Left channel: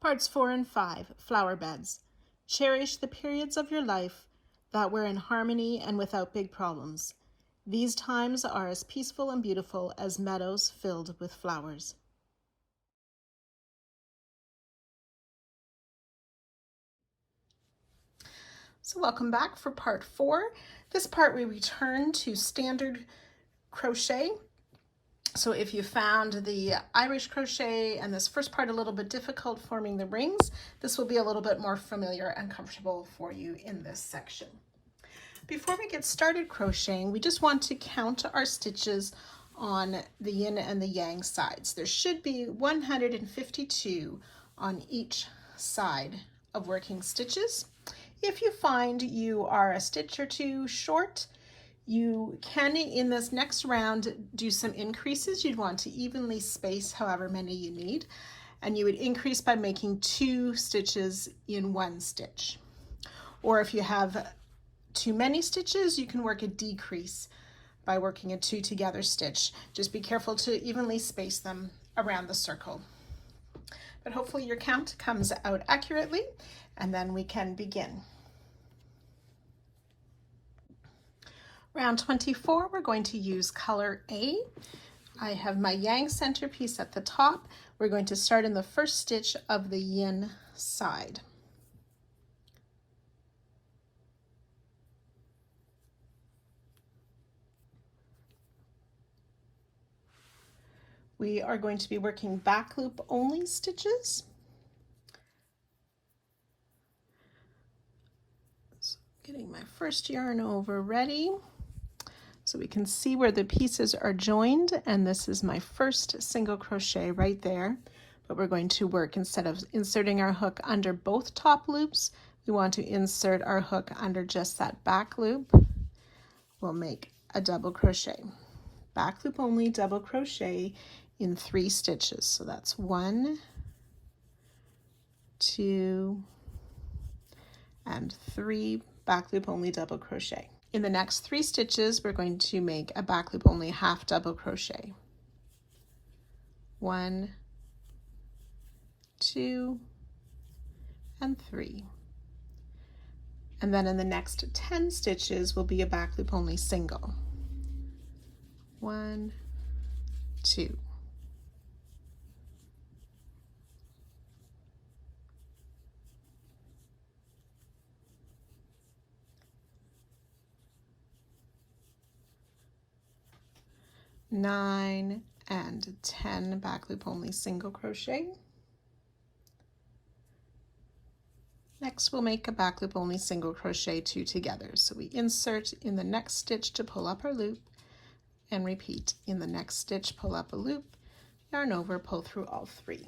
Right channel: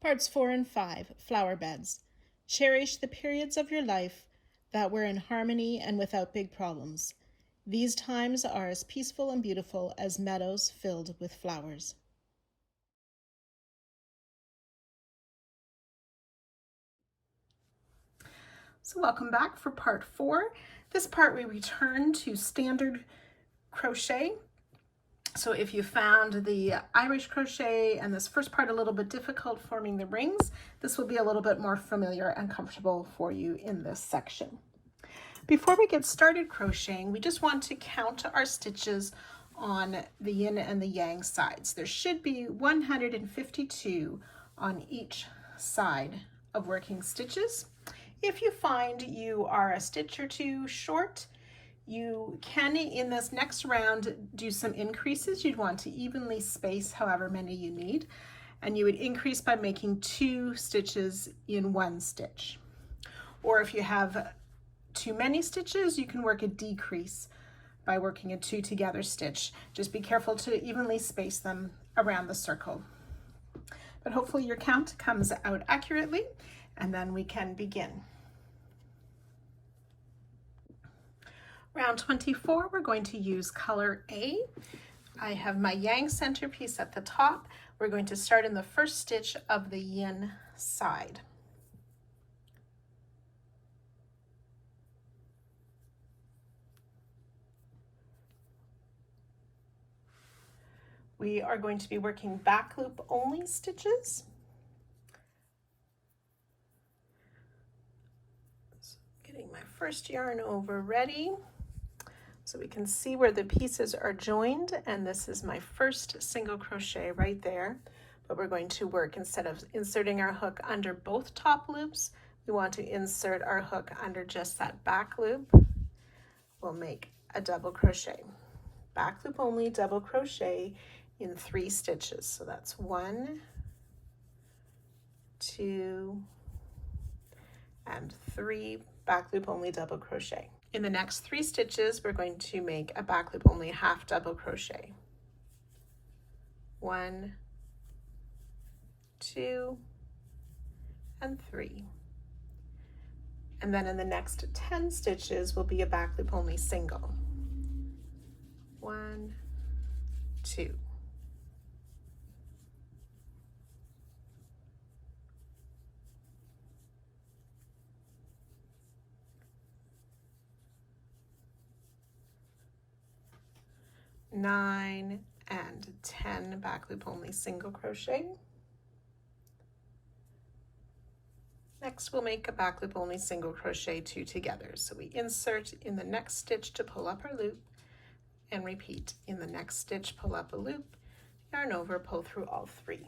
Parts 4 and 5, Flower Beds. Cherish the periods of your life that were in harmony and without big problems. These times are as peaceful and beautiful as meadows filled with flowers. So welcome back for part 4. This part we return to standard crochet. So if you found the Irish crochet and this first part a little bit difficult forming the rings, this will be a little bit more familiar and comfortable for you in this section. Before we get started crocheting, we just want to count our stitches on the yin and the yang sides. There should be 152 on each side of working stitches. If you find you are a stitch or two short, you can, in this next round, do some increases. You'd want to evenly space however many you need, and you would increase by making 2 stitches in 1 stitch. Or if you have too many stitches, you can work a decrease by working a 2 together stitch. Just be careful to evenly space them around the circle. But hopefully your count comes out accurately, and then we can begin. Round 24, we're going to use color A. I have my yang centerpiece at the top. We're going to start in the first stitch of the yin side. We are going to be working back loop only stitches. So getting my first yarn over ready. So we can see where the pieces are joined, and this is my first single crochet right there. But we're going to work, instead of inserting our hook under both top loops, we want to insert our hook under just that back loop. We'll make a double crochet. Back loop only, double crochet in 3 stitches. So that's 1, 2, and 3 back loop only double crochet. In the next 3 stitches, we're going to make a back loop only half double crochet. 1, 2, and 3. And then in the next 10 stitches will be a back loop only single. 1, 2. Nine and 10 back loop only single crochet. Next we'll make a back loop only single crochet 2 together. So we insert in the next stitch to pull up our loop, and repeat in the next stitch, pull up a loop, yarn over, pull through all 3.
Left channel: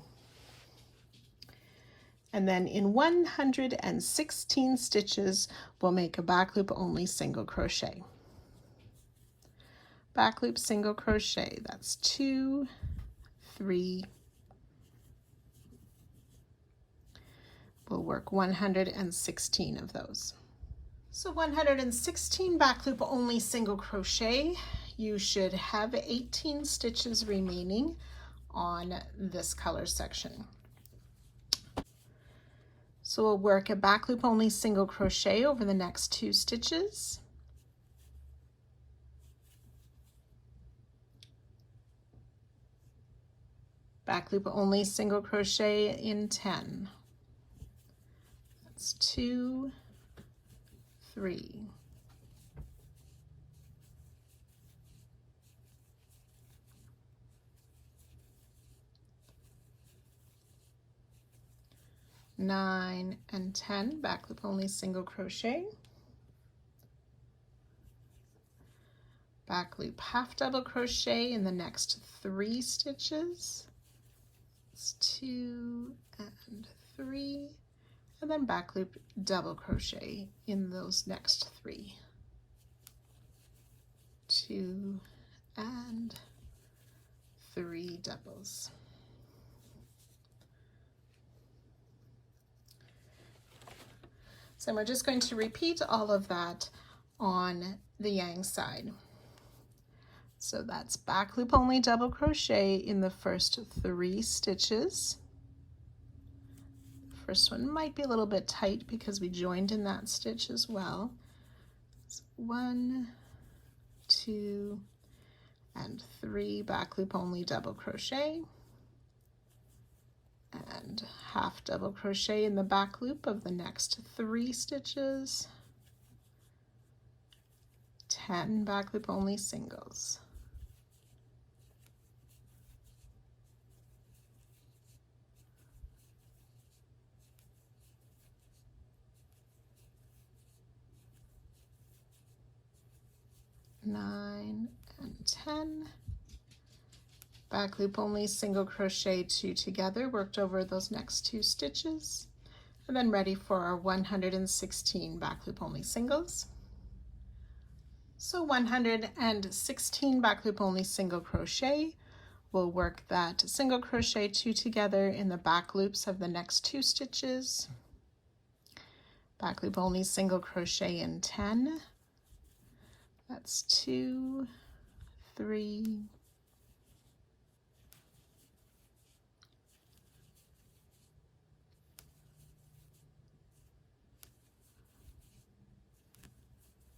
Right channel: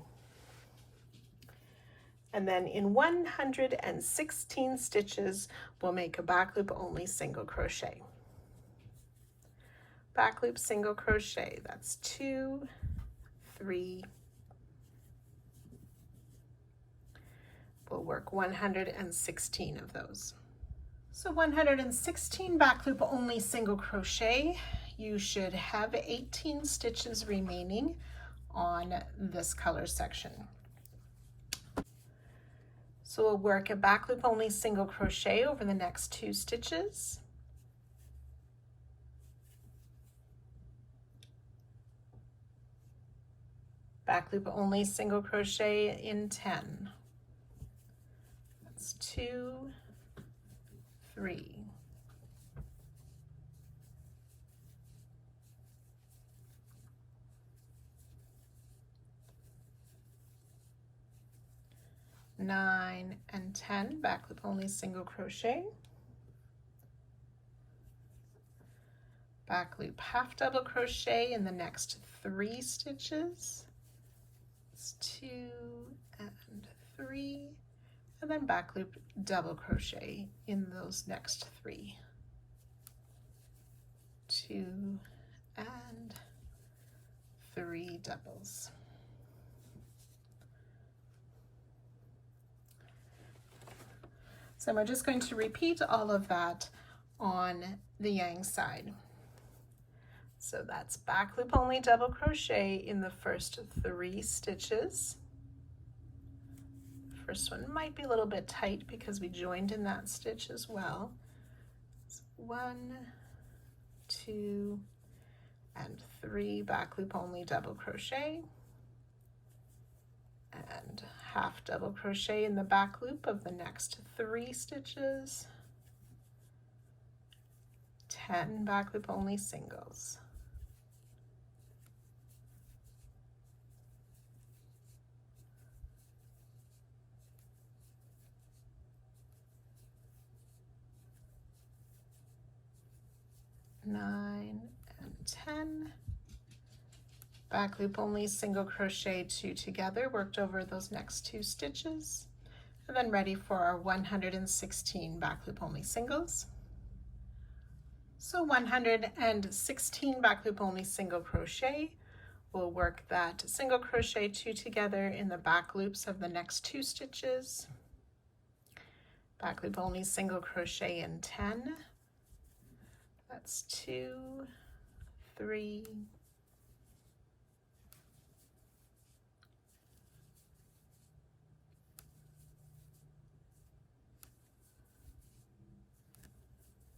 And then in 116 stitches we'll make a back loop only single crochet. Back loop single crochet, that's 2, 3. We'll work 116 of those. So 116 back loop only single crochet. You should have 18 stitches remaining on this color section. So we'll work a back loop only single crochet over the next 2 stitches. Back loop only single crochet in 10. That's 2, 3. Nine and 10 back loop only single crochet. Back loop half double crochet in the next 3 stitches. 2 and 3, and then back loop double crochet in those next 3. 2 and 3 doubles. So we're just going to repeat all of that on the yang side. So that's back loop only double crochet in the first 3 stitches, first one might be a little bit tight because we joined in that stitch as well. So 1, 2, and 3 back loop only double crochet, and half double crochet in the back loop of the next 3 stitches, 10 back loop only singles. Nine and 10. Back loop only single crochet 2 together, worked over those next 2 stitches, and then ready for our 116 back loop only singles. So 116 back loop only single crochet. We'll work that single crochet 2 together in the back loops of the next 2 stitches. Back loop only single crochet in 10. That's 2, 3,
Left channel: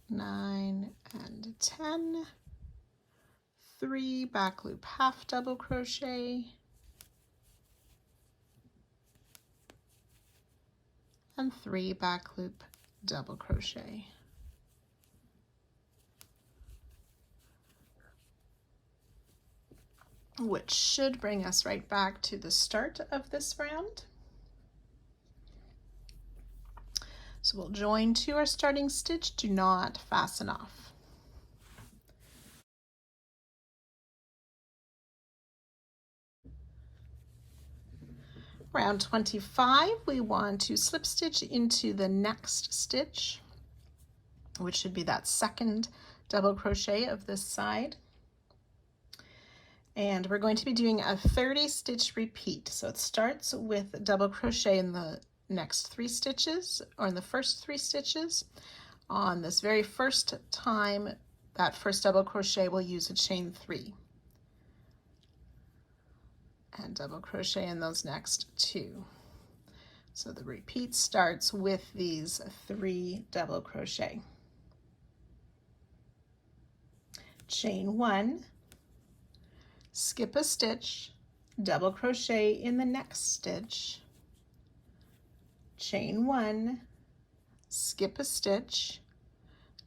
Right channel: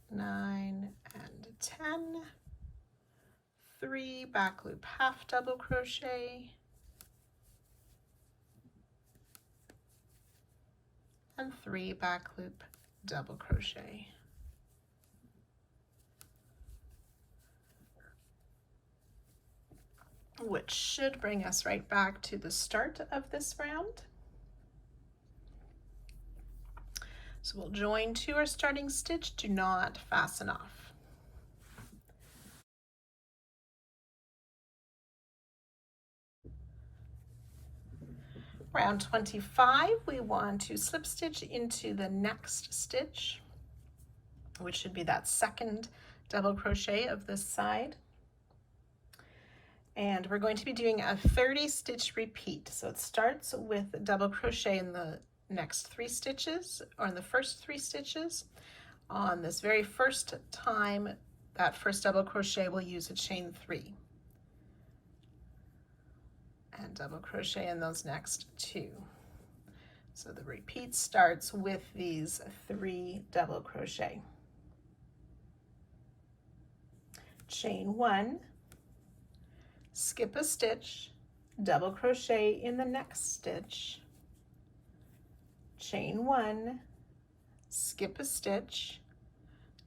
9 and 10, 3 back loop half double crochet, and 3 back loop double crochet. Which should bring us right back to the start of this round. So we'll join to our starting stitch, do not fasten off. Round 25, we want to slip stitch into the next stitch, which should be that second double crochet of this side. And we're going to be doing a 30 stitch repeat. So it starts with double crochet in the next 3 stitches, or in the first 3 stitches. On this very first time, that first double crochet, we'll use a chain 3. And double crochet in those next 2. So the repeat starts with these 3 double crochet. Chain 1, skip a stitch, double crochet in the next stitch, chain 1, skip a stitch,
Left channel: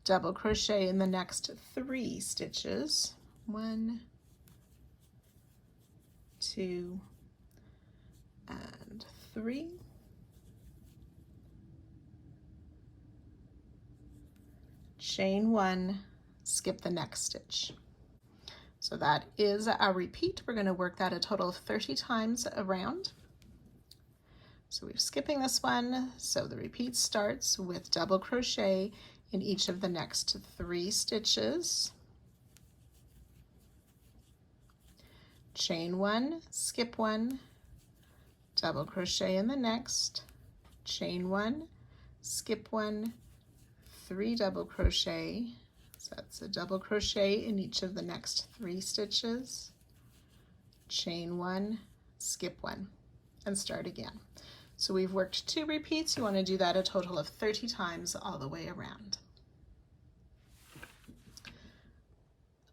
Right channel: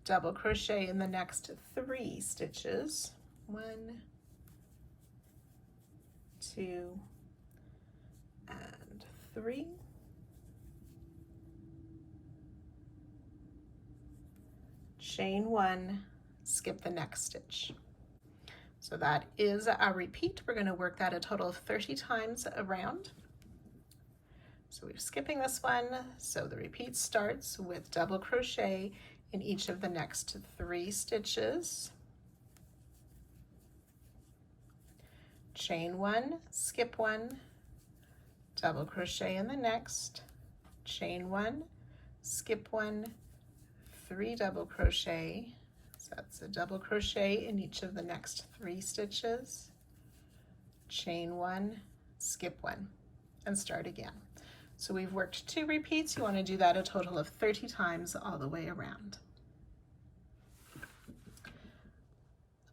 double crochet in the next 3 stitches, 1, 2, and 3, chain 1, skip the next stitch. So that is our repeat. We're going to work that a total of 30 times around. So we're skipping this one, so the repeat starts with double crochet in each of the next 3 stitches, chain 1, skip 1, double crochet in the next, chain 1, skip 1, 3 double crochet, so that's a double crochet in each of the next 3 stitches, chain 1, skip 1, and start again. So we've worked 2 repeats. You want to do that a total of 30 times all the way around.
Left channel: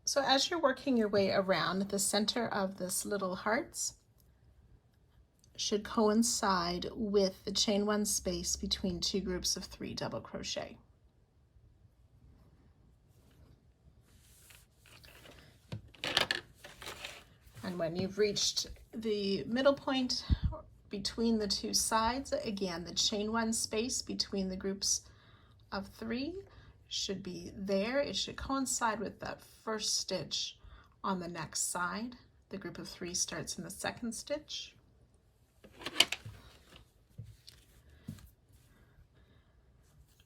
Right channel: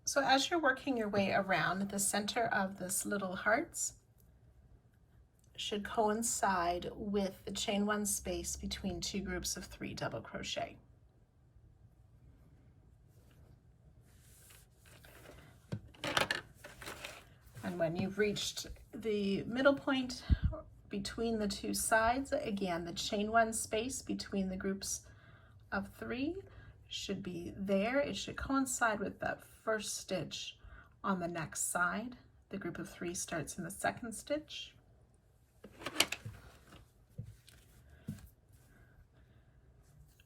So as you're working your way around, the center of this little hearts should coincide with the chain 1 space between 2 groups of 3 double crochet. And when you've reached the middle point between the 2 sides, again, the chain 1 space between the groups of 3 should be there. It should coincide with that first stitch on the next side. The group of 3 starts in the second stitch.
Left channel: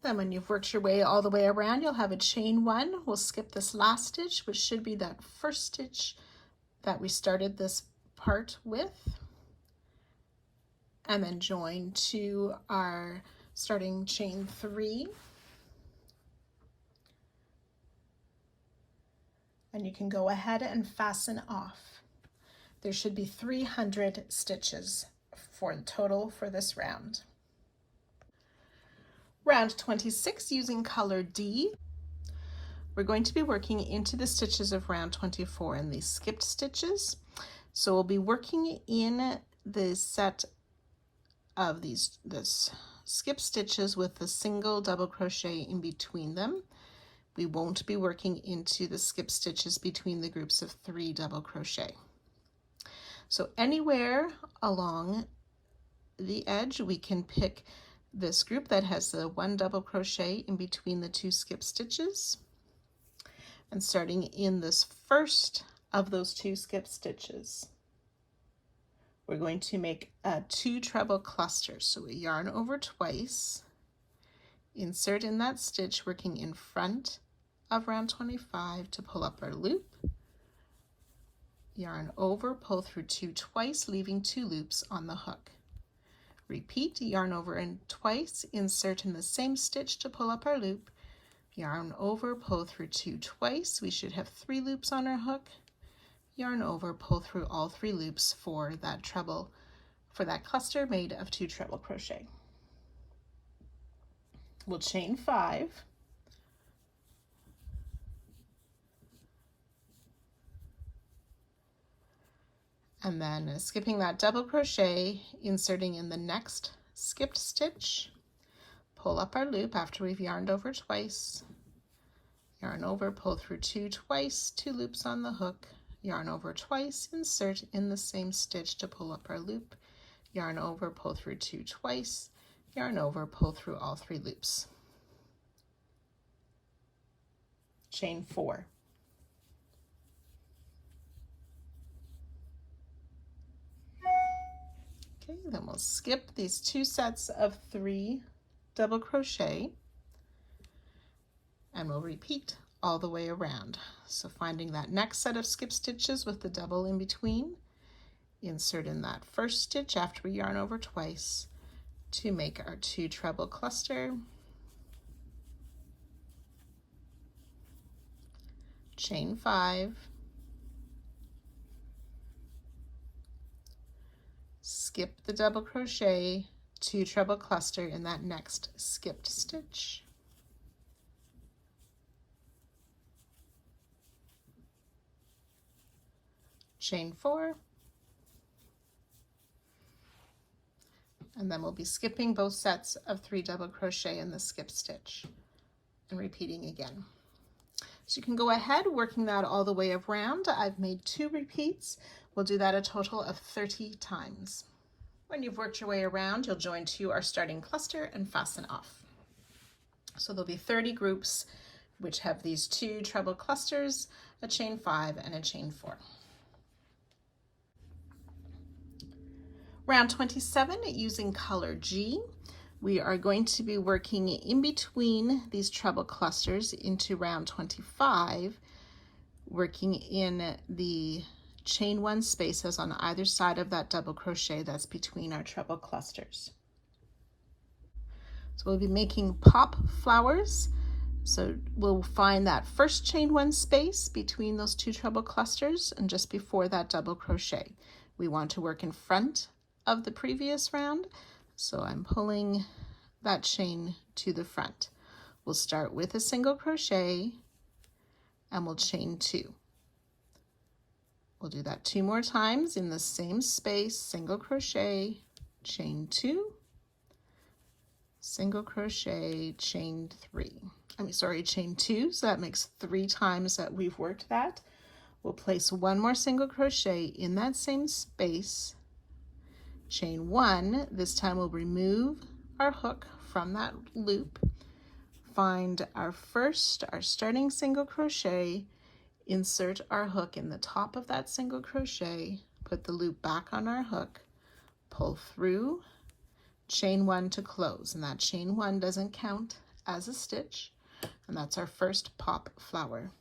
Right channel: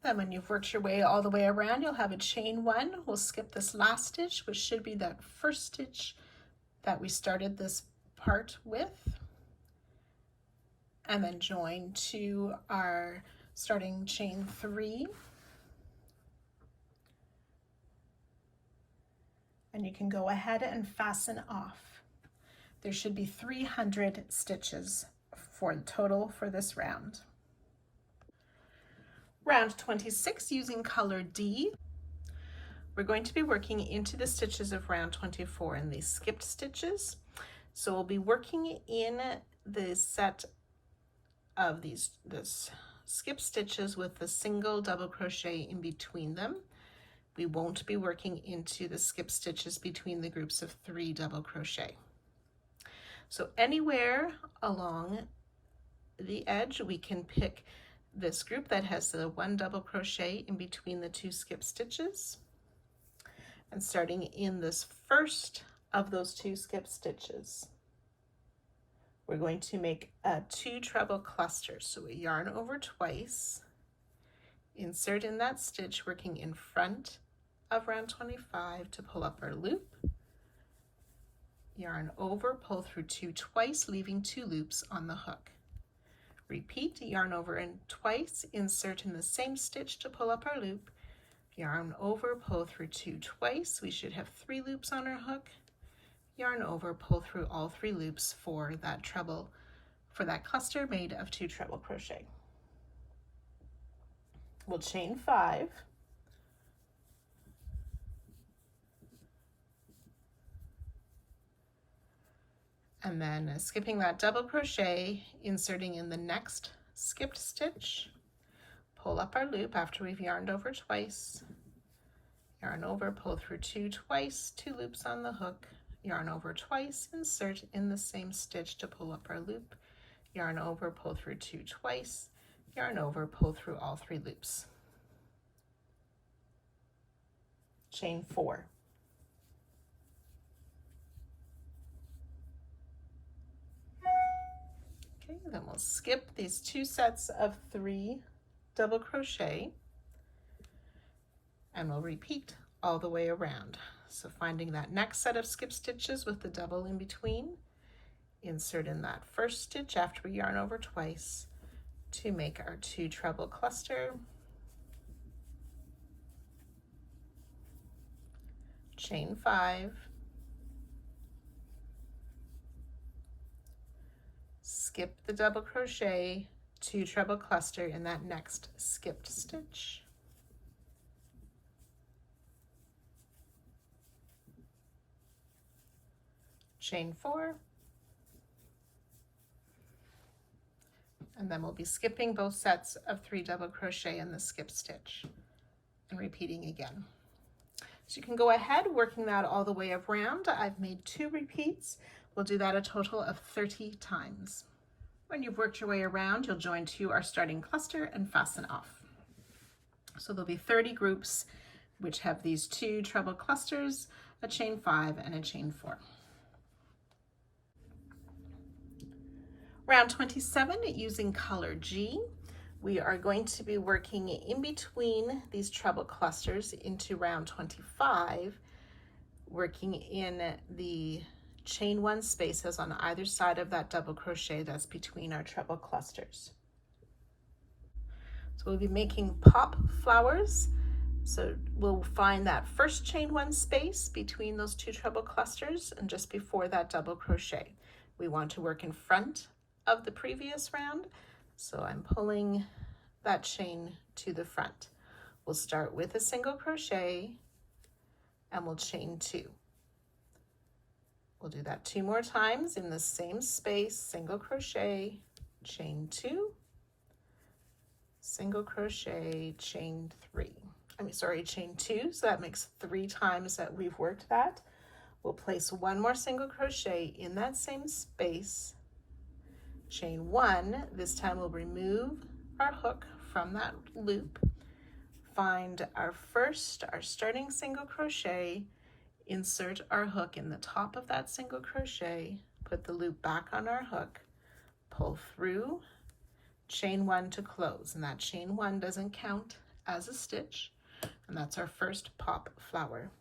Then when you've worked your way all the way around, you'll have a chain 1. We'll skip this last stitch, which should be that first stitch that we started this part with, and then join to our starting chain 3. And you can go ahead and fasten off. There should be 300 stitches for the total for this round. Round 26 using color D. We're going to be working into the stitches of round 24 in these skipped stitches. So we'll be working in the set of this skip stitches with the single double crochet in between them. We won't be working into the skip stitches between the groups of 3 double crochet. So anywhere along the edge we can pick this group that has the 1 double crochet in between the 2 skip stitches, and starting in this first of those 2 skip stitches we're going to make 2 treble clusters. So we yarn over twice, insert in that stitch working in front of round 25 to pull up our loop, yarn over, pull through 2 twice, leaving 2 loops on the hook. Repeat, yarn over and twice, insert in the same stitch to pull up our loop, yarn over, pull through 2 twice, we should have 3 loops on our hook, yarn over, pull through all 3 loops for that treble, for that cluster made of 2 treble crochet. We'll chain 5, and then skipping that double crochet, inserting in the next skipped stitch, pull up our loop after we've yarned over twice, yarn over, pull through 2 twice, 2 loops on the hook, yarn over twice, insert in the same stitch to pull up our loop, yarn over, pull through 2 twice, yarn over, pull through all 3 loops. Chain 4. Okay, then we'll skip these 2 sets of 3 double crochet, and we'll repeat all the way around. So finding that next set of skip stitches with the double in between, insert in that first stitch after we yarn over twice to make our 2 treble cluster, chain 5, skip the double crochet, 2 treble cluster in that next skipped stitch, chain 4, and then we'll be skipping both sets of 3 double crochet in the skip stitch and repeating again. So you can go ahead working that all the way around. I've made 2 repeats. We'll do that a total of 30 times. When you've worked your way around, you'll join to our starting cluster and fasten off. So there'll be 30 groups which have these 2 treble clusters, a chain 5 and a chain 4. Round 27, using color G, we are going to be working in between these treble clusters into round 25, working in the chain 1 spaces on either side of that double crochet that's between our treble clusters. So we'll be making pop flowers. So we'll find that first chain 1 space between those 2 treble clusters, and just before that double crochet. We want to work in front of the previous round, so I'm pulling that chain to the front. We'll start with a single crochet and we'll chain 2. We'll do that 2 more times in the same space, single crochet, chain 2, single crochet, chain 3. Chain 2, so that makes 3 times that we've worked that. We'll place 1 more single crochet in that same space, chain 1. This time we'll remove our hook from that loop, find our starting single crochet, insert our hook in the top of that single crochet, put the loop back on our hook, pull through, chain 1 to close, and that chain 1 doesn't count as a stitch, and that's our first pop flower.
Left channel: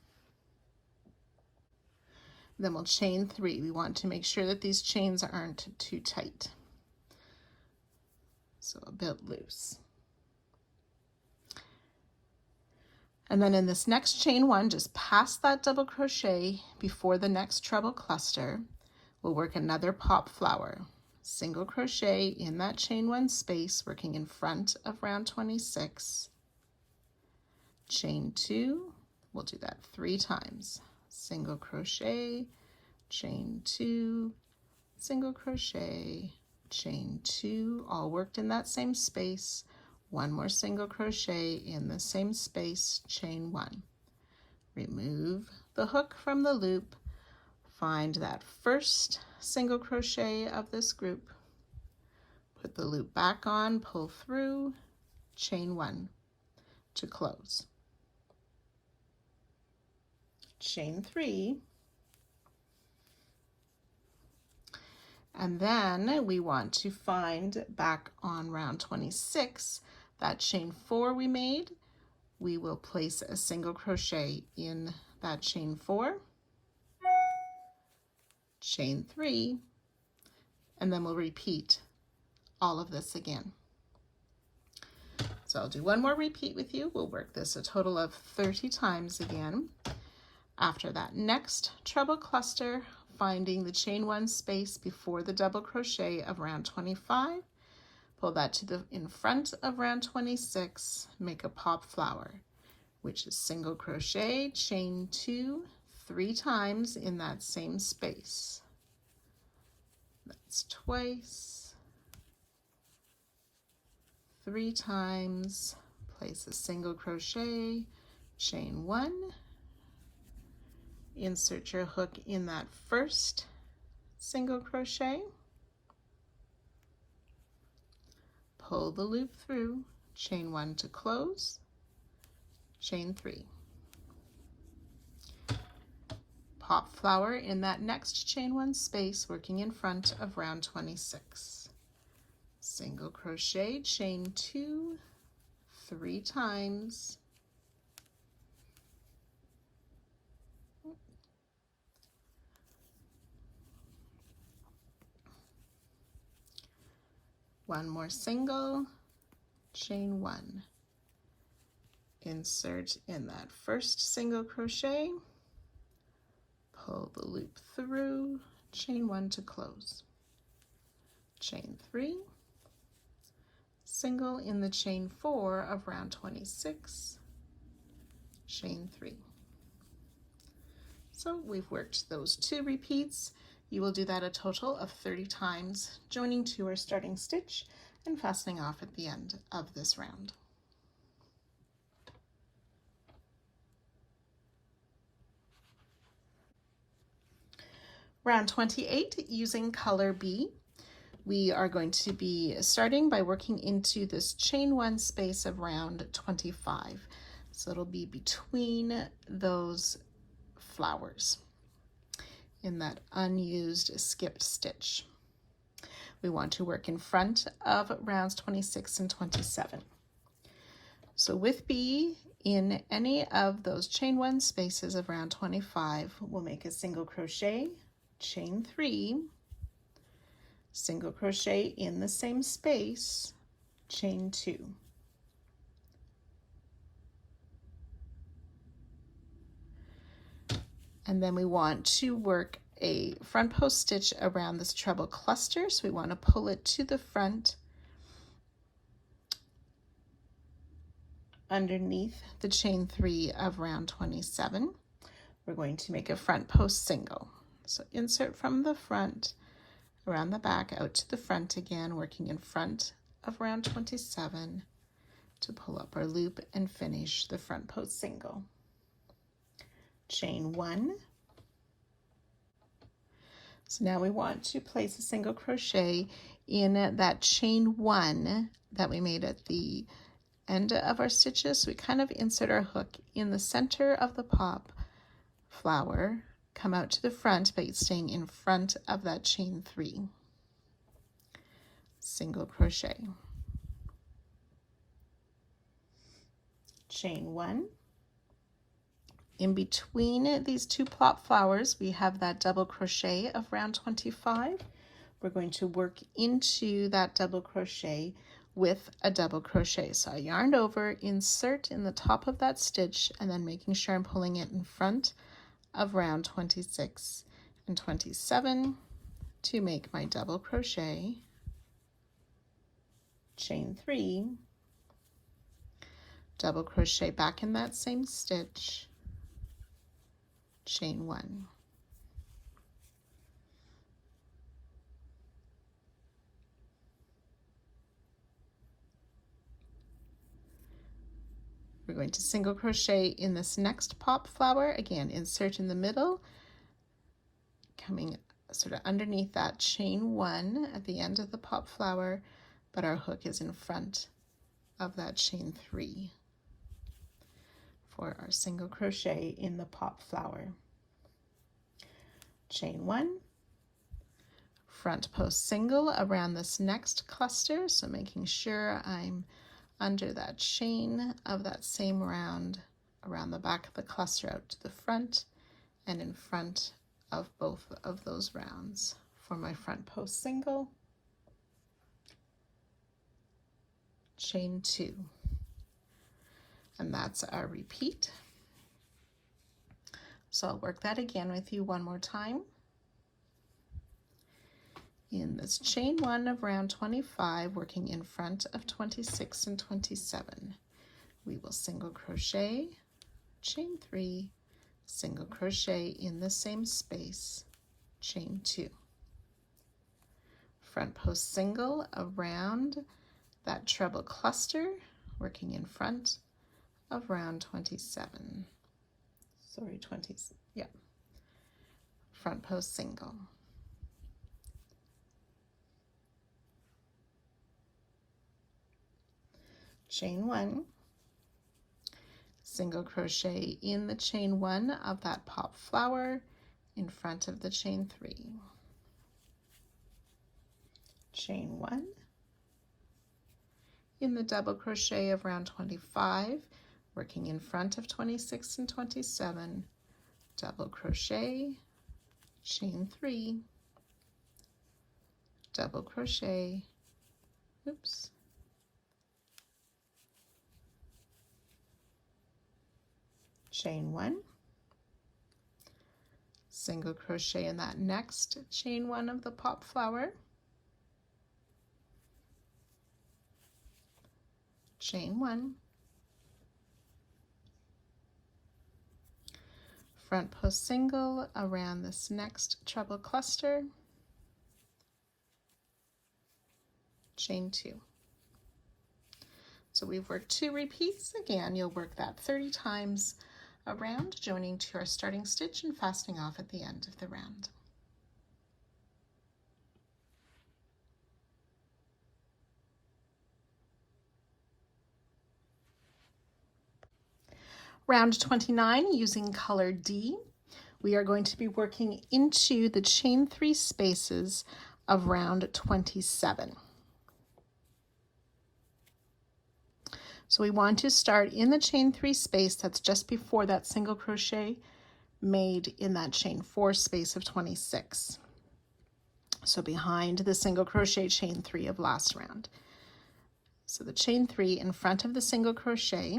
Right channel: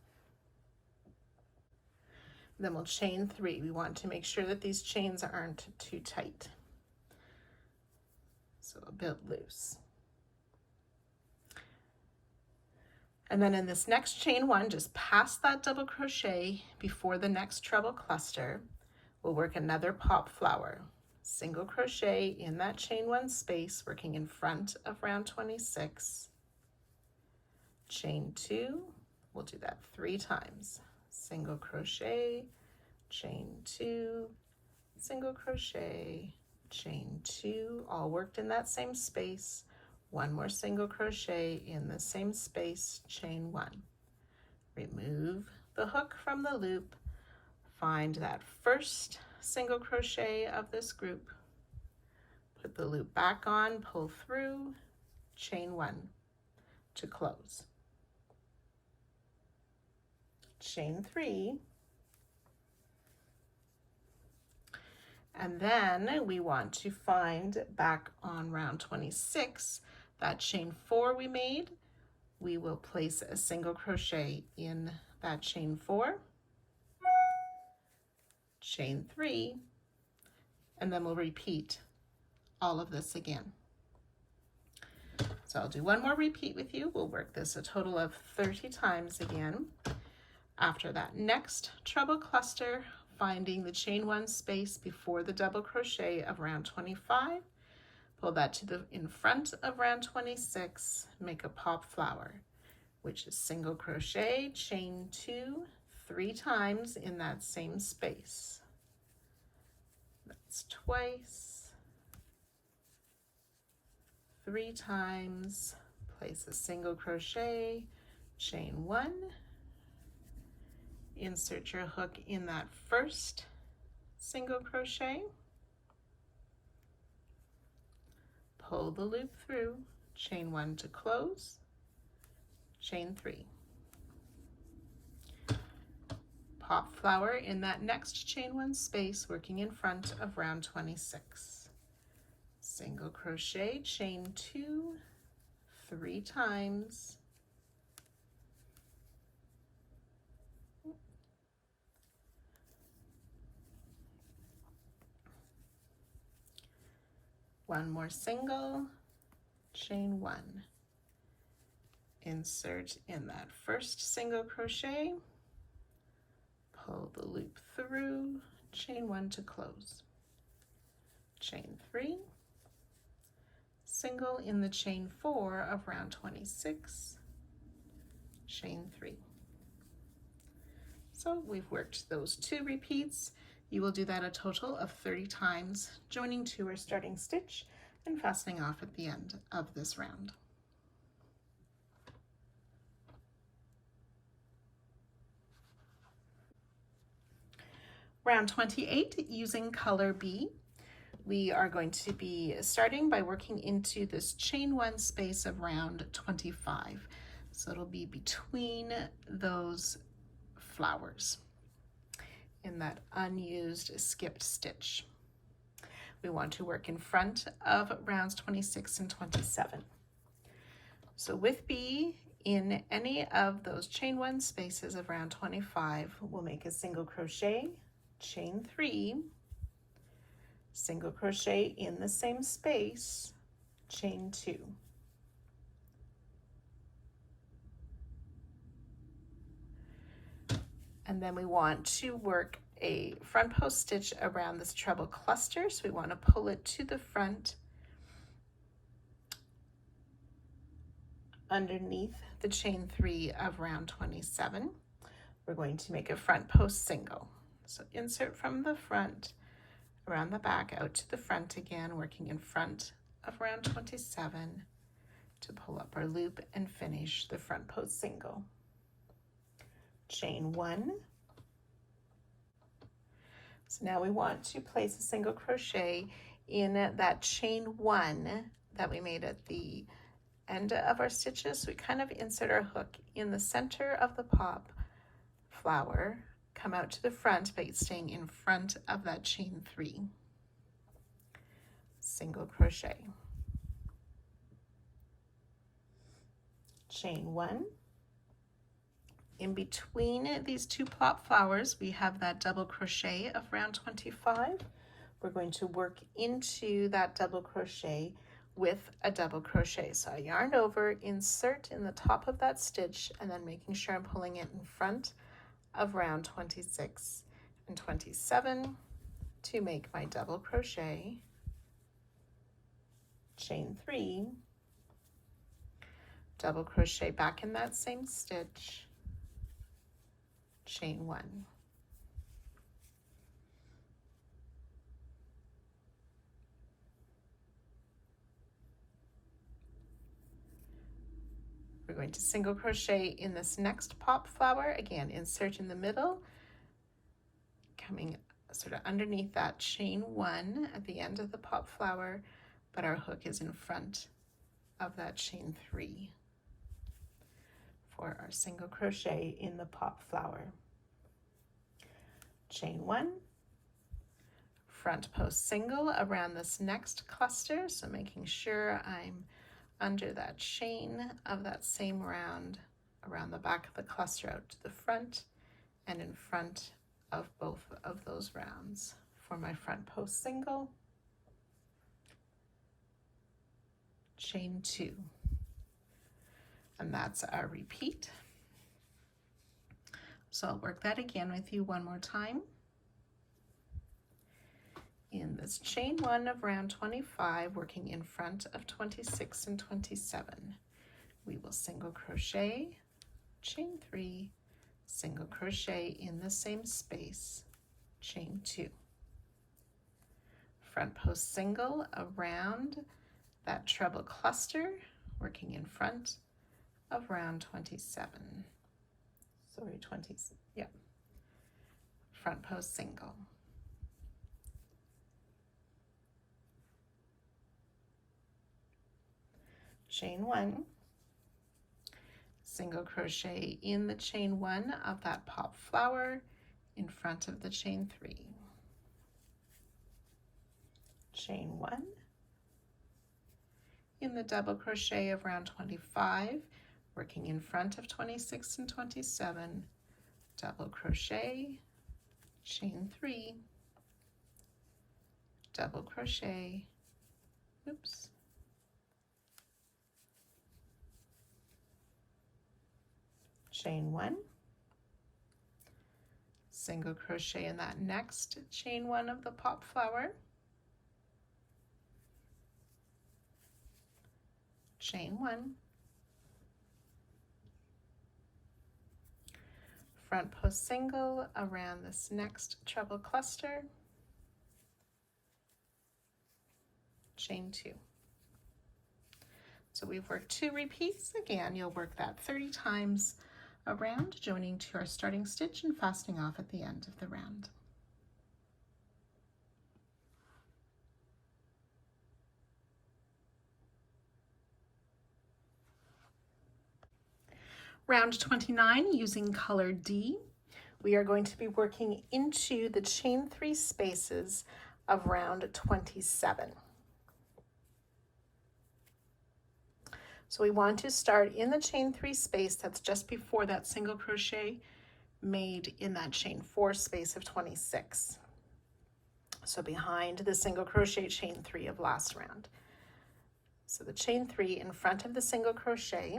Then we'll chain 3. We want to make sure that these chains aren't too tight, so a bit loose. And then in this next chain 1, just past that double crochet before the next treble cluster, we'll work another pop flower. single crochet in that chain 1 space, working in front of round 26, chain 2, we'll do that 3 times, single crochet, chain 2, single crochet, chain 2, all worked in that same space, 1 more single crochet in the same space, chain 1. Remove the hook from the loop, find that first single crochet of this group, put the loop back on, pull through, chain 1 to close. Chain 3, and then we want to find back on round 26 that chain 4 we made. We will place a single crochet in that chain 4, chain 3, and then we'll repeat all of this again. So I'll do one more repeat with you. We'll work this a total of 30 times again. After that next treble cluster, finding the chain 1 space before the double crochet of round 25, pull that to the in front of round 26, make a pop flower, which is single crochet, chain 2, 3 times in that same space. That's twice, 3 times, place a single crochet, chain 1, insert your hook in that first single crochet, pull the loop through, chain 1 to close, chain 3. Pop flower in that next chain 1 space, working in front of round 26. Single crochet, chain 2, 3 times, one more single, chain 1, insert in that first single crochet, pull the loop through, chain 1 to close, chain 3, single in the chain 4 of round 26, chain 3. So we've worked those 2 repeats. You will do that a total of 30 times, joining to our starting stitch and fastening off at the end of this round. Round 28, using color B, we are going to be starting by working into this chain 1 space of round 25. So it'll be between those flowers in that unused skipped stitch. We want to work in front of rounds 26 and 27. So with B, in any of those chain 1 spaces of round 25, we'll make a single crochet, chain 3, single crochet in the same space, chain 2. And then we want to work a front post stitch around this treble cluster. So we want to pull it to the front underneath the chain 3 of round 27. We're going to make a front post single. So insert from the front, around the back, out to the front again, working in front of round 27 to pull up our loop and finish the front post single. Chain 1. So now we want to place a single crochet in that chain 1 that we made at the end of our stitches. So we kind of insert our hook in the center of the pop flower, come out to the front by staying in front of that chain 3. Single crochet. Chain 1. In between these 2 plop flowers, we have that double crochet of round 25. We're going to work into that double crochet with a double crochet. So I yarn over, insert in the top of that stitch, and then making sure I'm pulling it in front of round 26 and 27, to make my double crochet, chain 3, double crochet back in that same stitch, chain 1. We're going to single crochet in this next pop flower. Again, insert in the middle, coming sort of underneath that chain 1 at the end of the pop flower, but our hook is in front of that chain 3 for our single crochet in the pop flower. Chain 1, front post single around this next cluster, so making sure I'm under that chain of that same round around the back of the cluster out to the front and in front of both of those rounds for my front post single, chain 2, and that's our repeat. So I'll work that again with you one more time. In this chain 1 of round 25, working in front of 26 and 27, we will single crochet, chain 3, single crochet in the same space, chain 2. Front post single around that treble cluster, working in front of round 27. Sorry, 20, yeah. Front post single. Chain 1, single crochet in the chain 1 of that pop flower in front of the chain 3. Chain 1, in the double crochet of round 25, working in front of 26 and 27, double crochet, chain 3, double crochet, oops, chain 1, single crochet in that next chain 1 of the pop flower, chain 1, front post single around this next treble cluster, chain 2. So we've worked 2 repeats. Again, you'll work that 30 times around, joining to our starting stitch and fastening off at the end of the round. Round 29, using color D, we are going to be working into the chain 3 spaces of round 27. So we want to start in the chain 3 space that's just before that single crochet made in that chain 4 space of 26. So behind the single crochet chain 3 of last round. So the chain 3 in front of the single crochet,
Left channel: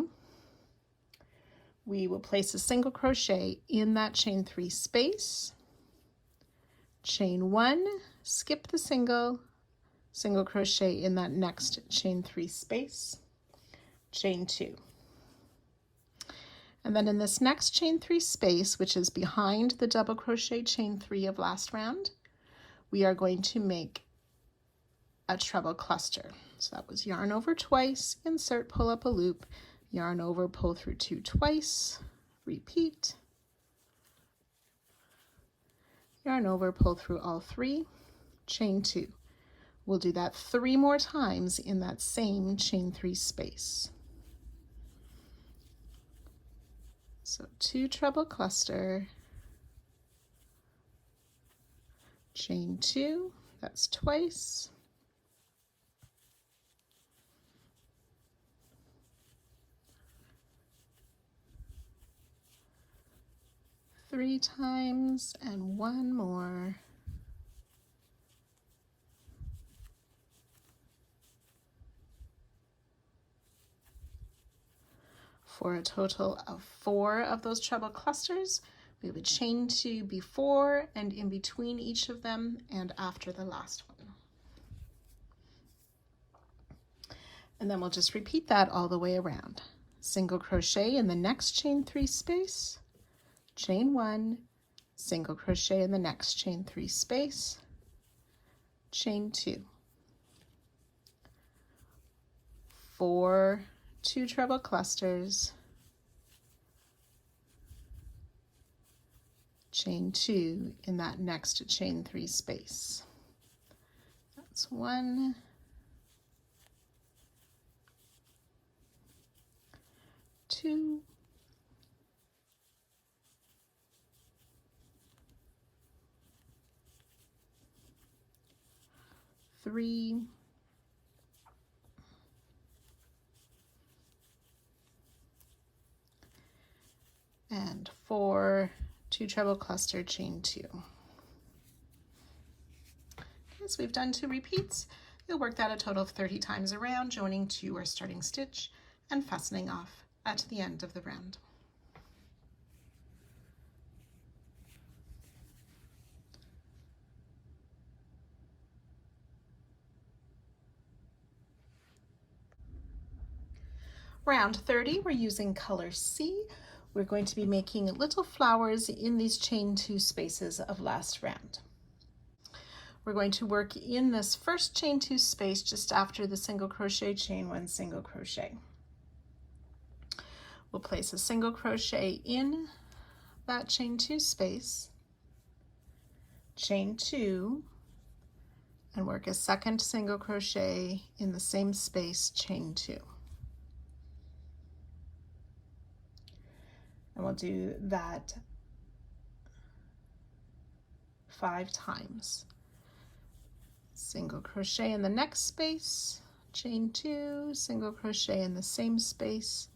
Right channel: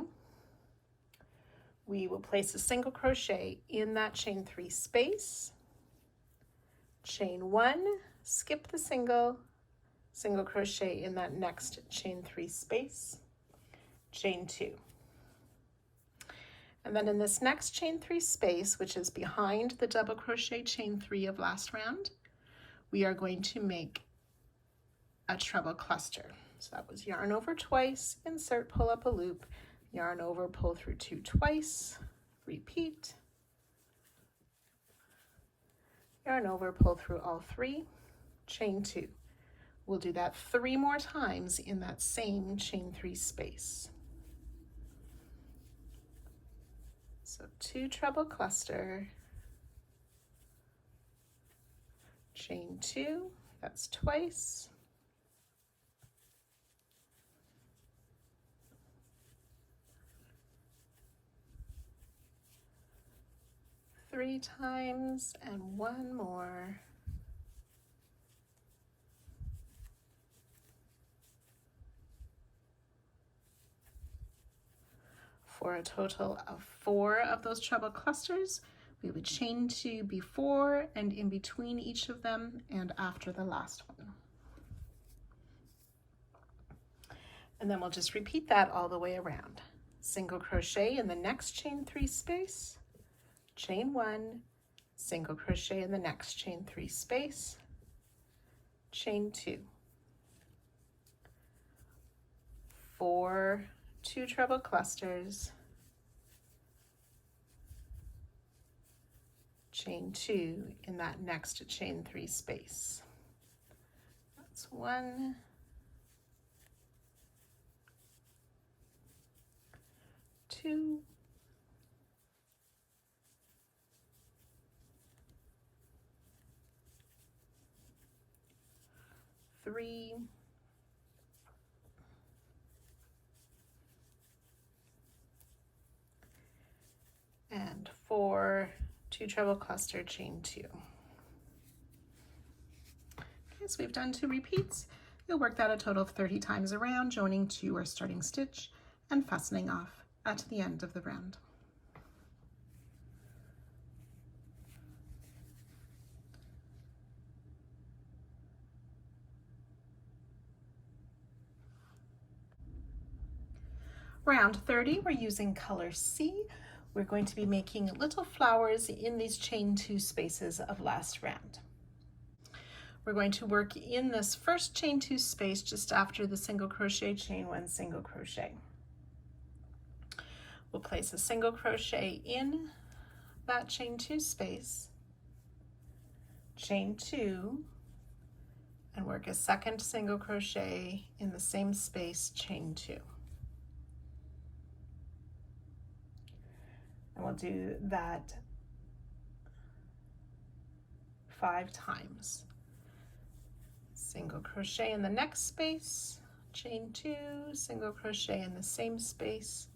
we will place a single crochet in that chain 3 space, chain 1, skip the single crochet in that next chain 3 space, chain 2. And then in this next chain 3 space, which is behind the double crochet chain 3 of last round, we are going to make a treble cluster. So that was yarn over twice, insert, pull up a loop, yarn over, pull through 2 twice, repeat, yarn over, pull through all 3, chain 2. We'll do that 3 more times in that same chain 3 space. So 2 treble cluster, chain 2, that's twice, three times, and 1 more. For a total of 4 of those treble clusters, We would chain 2 before and in between each of them and after the last one. And then we'll just repeat that all the way around. Single crochet in the next chain 3 space, chain 1, single crochet in the next chain 3 space, chain 2, 4 2 treble clusters, chain 2 in that next chain 3 space. That's 1, 2, 3, and 4 2 treble cluster, chain 2. Okay, so we've done 2 repeats. You'll work that a total of 30 times around, joining to our starting stitch and fastening off at the end of the round. Round 30, we're using color C. We're going to be making little flowers in these chain 2 spaces of last round. We're going to work in this first chain 2 space just after the single crochet, chain 1, single crochet. We'll place a single crochet in that chain 2 space, chain 2, and work a second single crochet in the same space, chain 2. And we'll do that 5 times. Single crochet in the next space, chain 2, single crochet in the same space,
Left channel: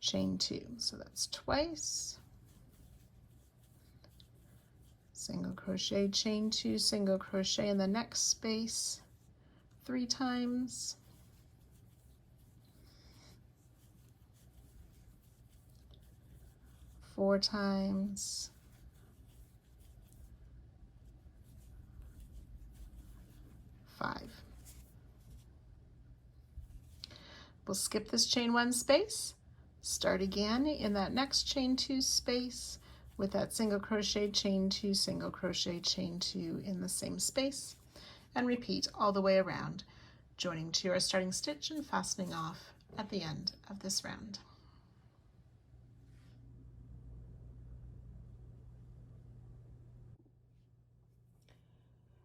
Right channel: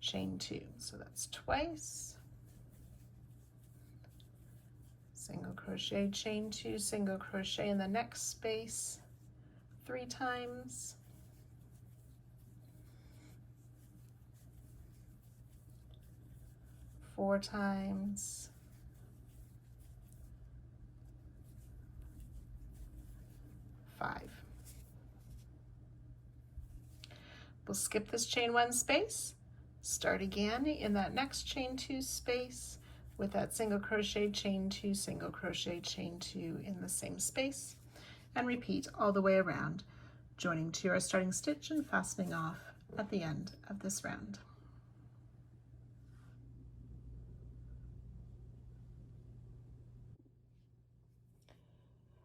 chain 2. So that's twice. Single crochet, chain 2, single crochet in the next space 3 times. Four times. 5. We'll skip this chain 1 space, start again in that next chain 2 space with that single crochet, chain 2, single crochet, chain 2 in the same space, and repeat all the way around, joining to our starting stitch and fastening off at the end of this round.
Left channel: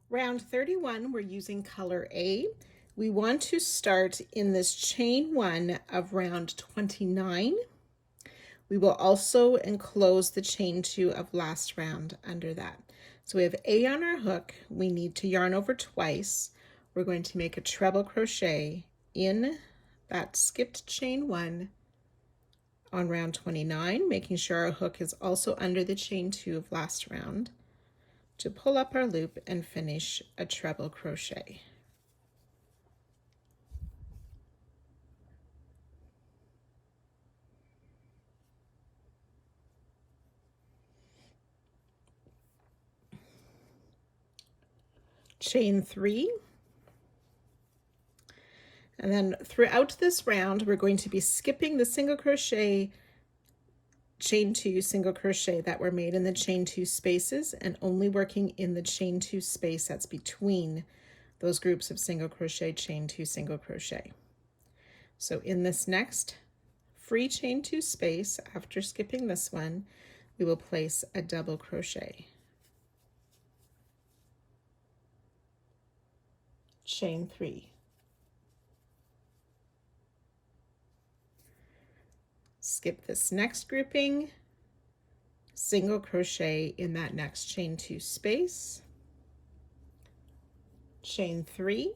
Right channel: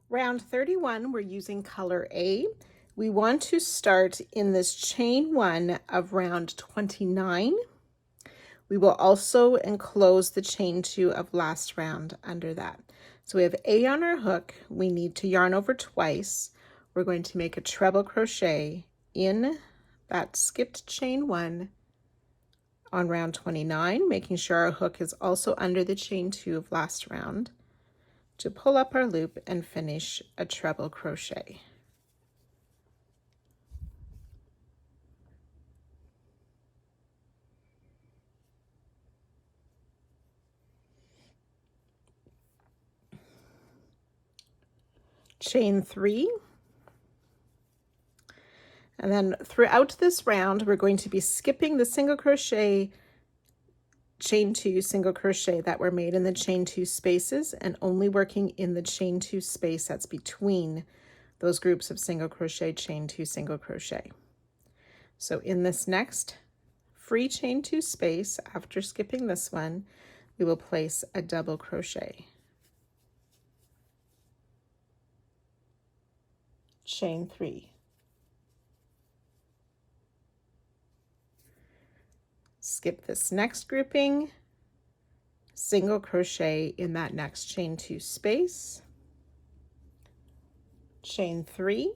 Round 31, we're using color A. We want to start in this chain 1 of round 29. We will also enclose the chain 2 of last round under that. So we have A on our hook. We need to yarn over twice. We're going to make a treble crochet in that skipped chain 1 on round 29, making sure our hook is also under the chain 2 of last round, to pull up our loop and finish a treble crochet. Chain 3, and then throughout this round we're going to be skipping the single crochet, chain 2, single crochet that were made in the chain 2 spaces and only working in the chain 2 space that's between those groups of single crochet, chain 2, single crochet. So in this next free chain 2 space, after skipping this one, we will place a double crochet, chain 3, skip this next grouping, single crochet in that next chain 2 space, chain 3,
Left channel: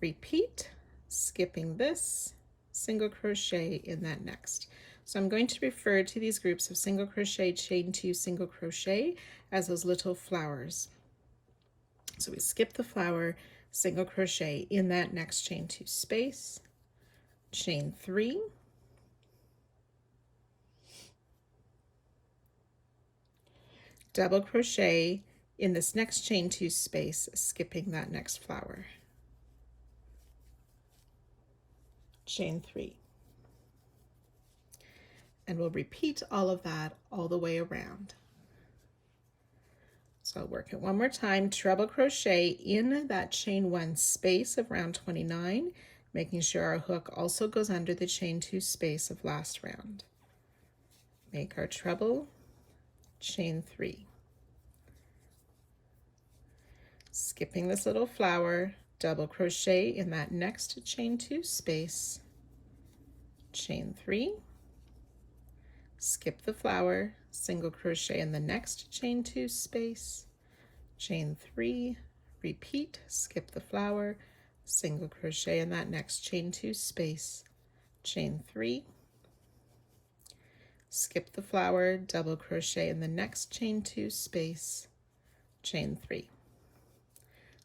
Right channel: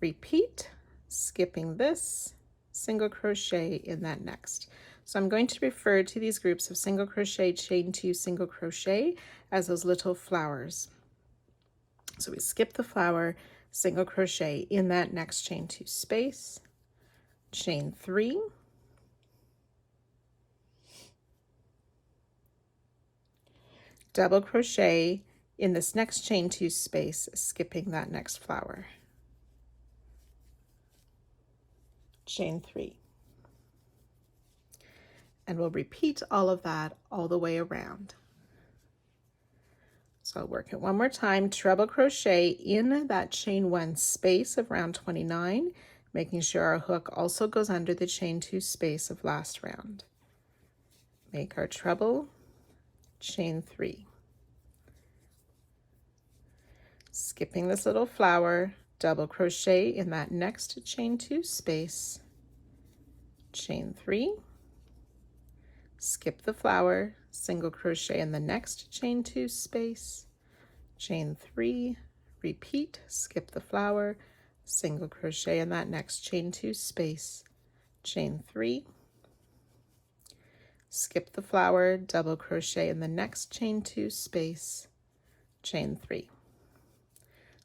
repeat, skipping this, single crochet in that next. So I'm going to refer to these groups of single crochet, chain 2, single crochet as those little flowers. So we skip the flower, single crochet in that next chain 2 space, chain 3, double crochet in this next chain 2 space, skipping that next flower. Chain 3. And we'll repeat all of that all the way around. So I'll work it one more time, treble crochet in that chain 1 space of round 29, making sure our hook also goes under the chain 2 space of last round. Make our treble, chain 3. Skipping this little flower, double crochet in that next chain 2 space, chain 3, skip the flower, single crochet in the next chain 2 space, chain 3, repeat, skip the flower, single crochet in that next chain 2 space, chain 3, skip the flower, double crochet in the next chain 2 space, chain 3.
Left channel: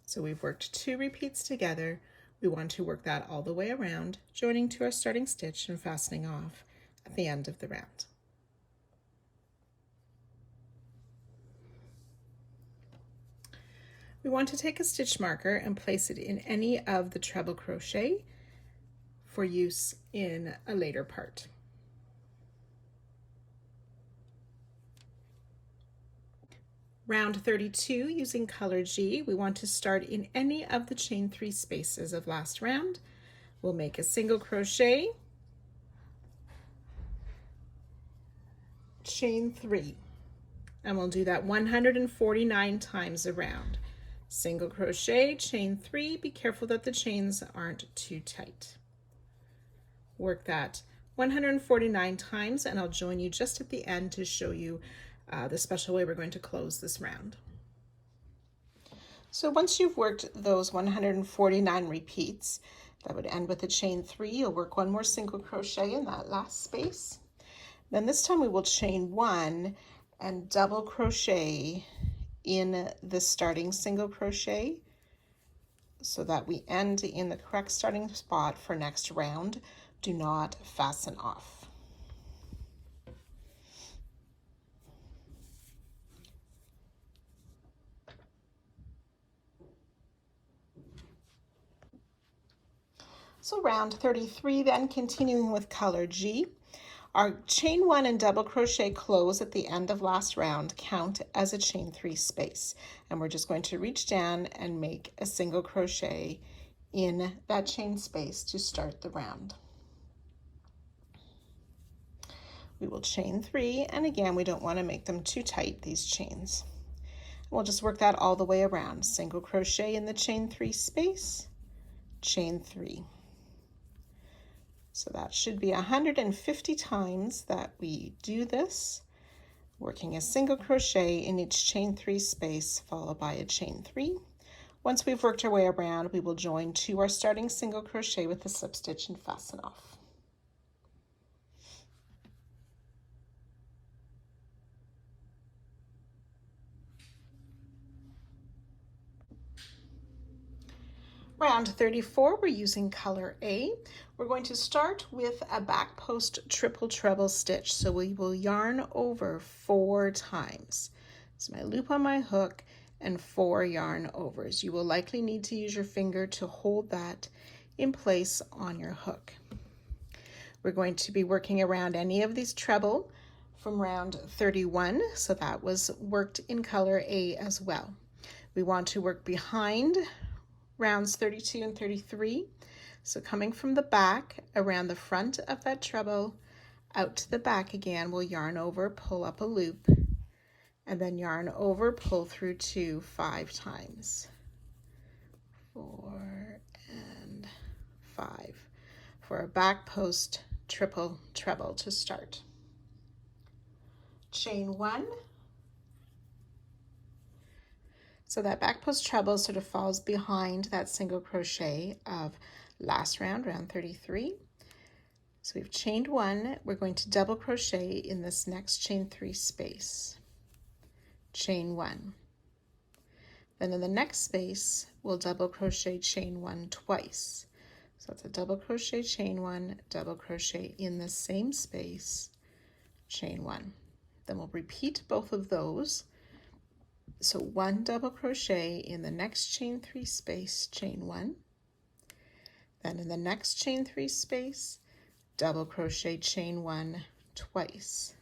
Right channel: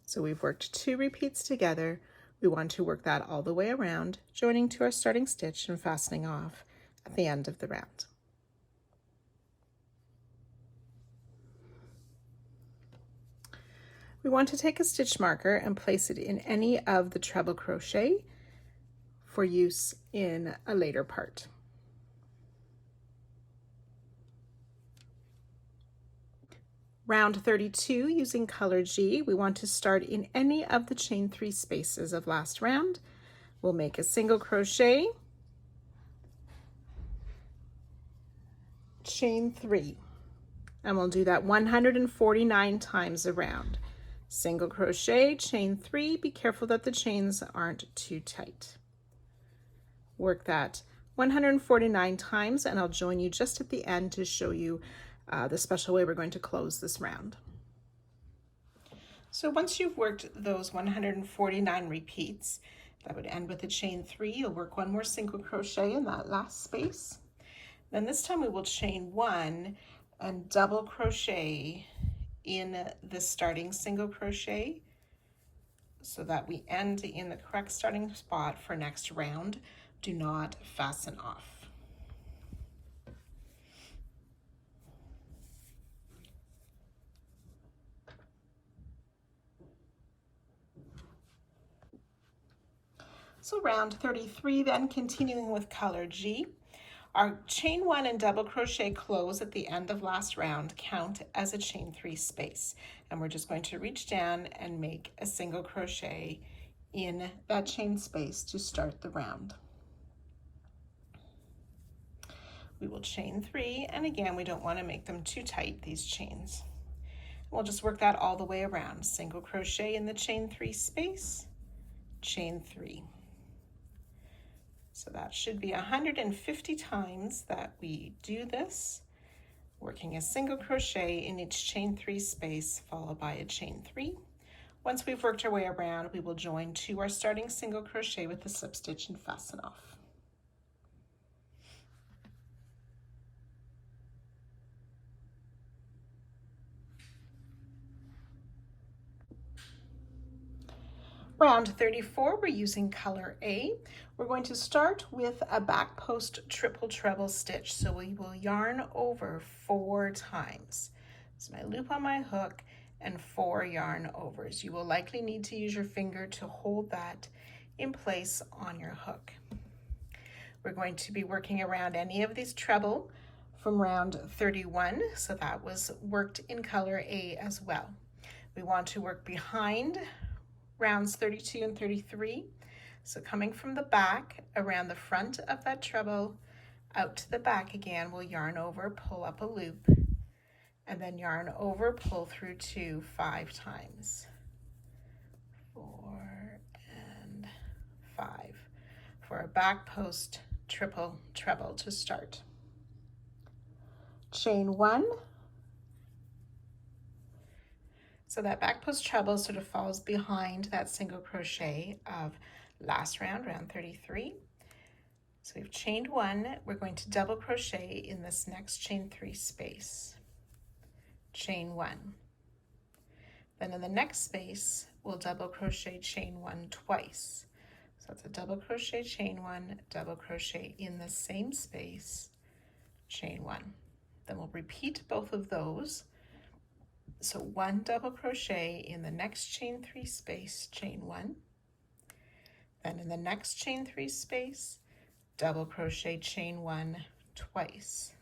So we've worked 2 repeats together. We want to work that all the way around, joining to our starting stitch and fastening off at the end of the round. We want to take a stitch marker and place it in any of the treble crochet for use in a later part. Round 32, using color G, we want to start in any of the chain 3 spaces of last round. We'll make a single crochet, chain 3, and we'll do that 149 times around. Single crochet, chain 3, be careful that the chains aren't too tight. Work that 149 times, and I'll join you just at the end to show you the special way we're going to close this round. So once you've worked those 149 repeats, that would end with a chain 3. You'll work one more single crochet in that last space. Then this time we will chain 1 and double crochet in the starting single crochet so that we end in the correct starting spot for next round. Do not fasten off. So round 33 then, continuing with color G. Our chain 1 and double crochet close at the end of last round count as a chain 3 space. And we're just going to reach down and make a single crochet in that chain space to start the round. We will chain 3, and again, we don't want to make them too tight, these chains. We'll just work that all the way around. Single crochet in the chain 3 space, chain 3. So that should be 150 times that we do this, working a single crochet in each chain 3 space, followed by a chain 3. Once we've worked our way around, we will join to our starting single crochet with a slip stitch and fasten off. Round 34, we're using color A. We're going to start with a back post triple treble stitch. So we will yarn over 4 times. So my loop on my hook and 4 yarn overs. You will likely need to use your finger to hold that in place on your hook. We're going to be working around any of these treble from round 31. So that was worked in color A as well. We want to work behind rounds 32 and 33. So coming from the back around the front of that treble out to the back again, we'll yarn over, pull up a loop, and then yarn over, pull through 2 5 times. 4 and 5 for a back post triple treble to start. Chain 1. So that back post treble sort of falls behind that single crochet of last round, round 33. So we've chained 1, we're going to double crochet in this next chain 3 space. Chain 1. Then in the next space, we'll double crochet chain 1 twice. So it's a double crochet, chain 1, double crochet in the same space, chain 1. Then we'll repeat both of those So 1 double crochet in the next chain 3 space, chain 1, then in the next chain 3 space, double crochet, chain 1 twice.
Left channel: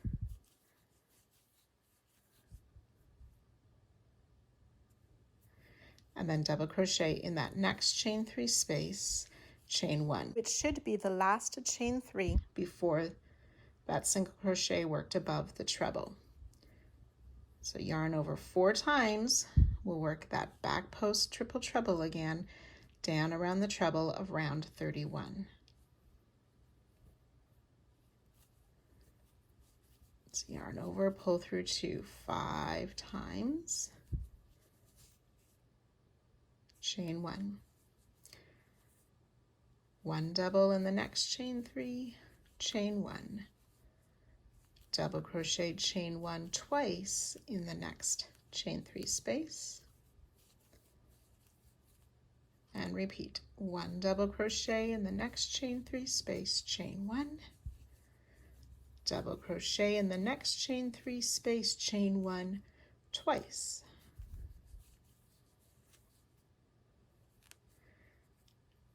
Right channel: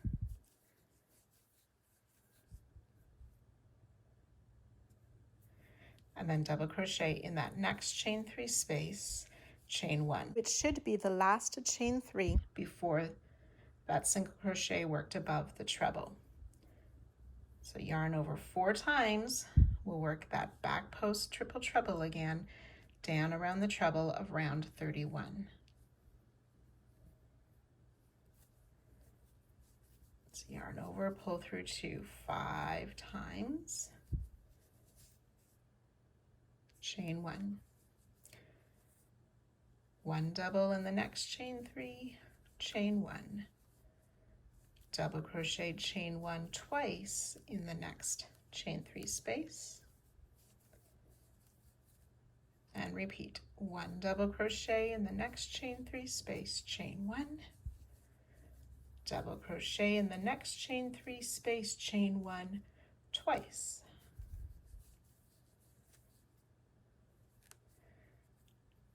And then double crochet in that next chain 3 space, chain 1, which should be the last chain 3 before that single crochet worked above the treble. So yarn over 4 times, we'll work that back post triple treble again down around the treble of round 31. So yarn over, pull through 2 5 times, chain 1, 1 double in the next chain 3, chain 1, double crochet, chain 1 twice in the next chain 3 space, and repeat. 1 double crochet in the next chain 3 space, chain 1, double crochet in the next chain 3 space, chain 1 twice,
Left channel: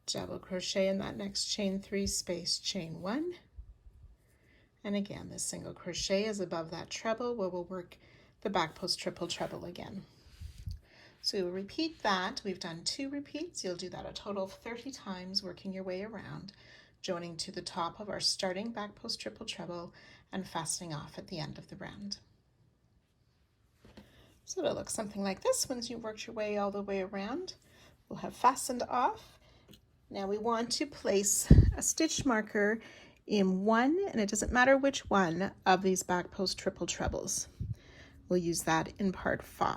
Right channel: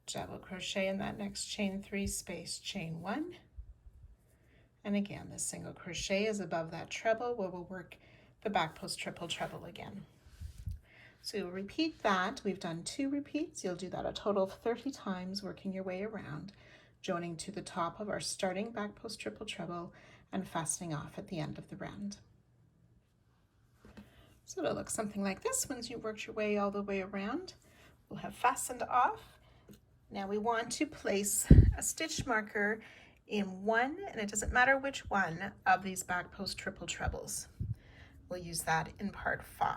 double crochet in that next chain 3 space, chain 1, and again the single crochet is above that treble where we'll work the back post triple treble again. So you'll repeat that. We've done 2 repeats. You'll do that a total of 30 times, working your way around, joining to the top of our starting back post triple treble and fastening off at the end of the round. So it'll look something like this once you've worked your way all the way around. We'll have fastened off. Now we want to place a stitch marker in one, and it doesn't matter which one, of these back post triple trebles. We'll use that in part 5.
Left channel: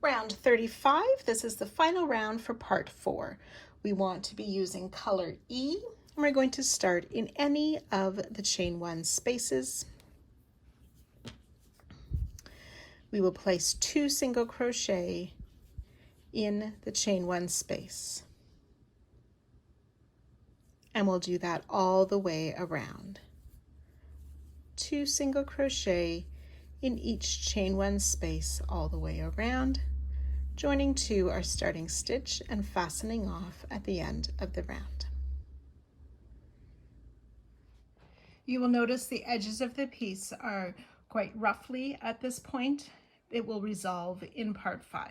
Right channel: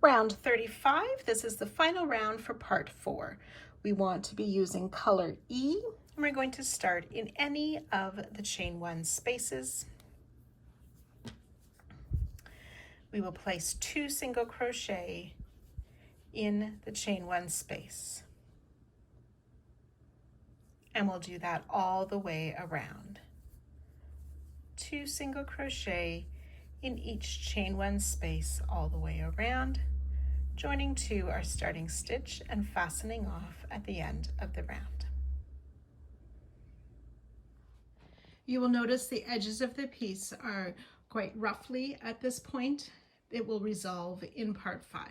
Round 35, this is the final round for part 4. We want to be using color E, and we're going to start in any of the chain 1 spaces. We will place 2 single crochet in the chain 1 space, and we'll do that all the way around. 2 single crochet in each chain 1 space all the way around, joining to our starting stitch and fastening off at the end of the round. You will notice the edges of the piece are quite roughly at this point. It will resolve in part 5.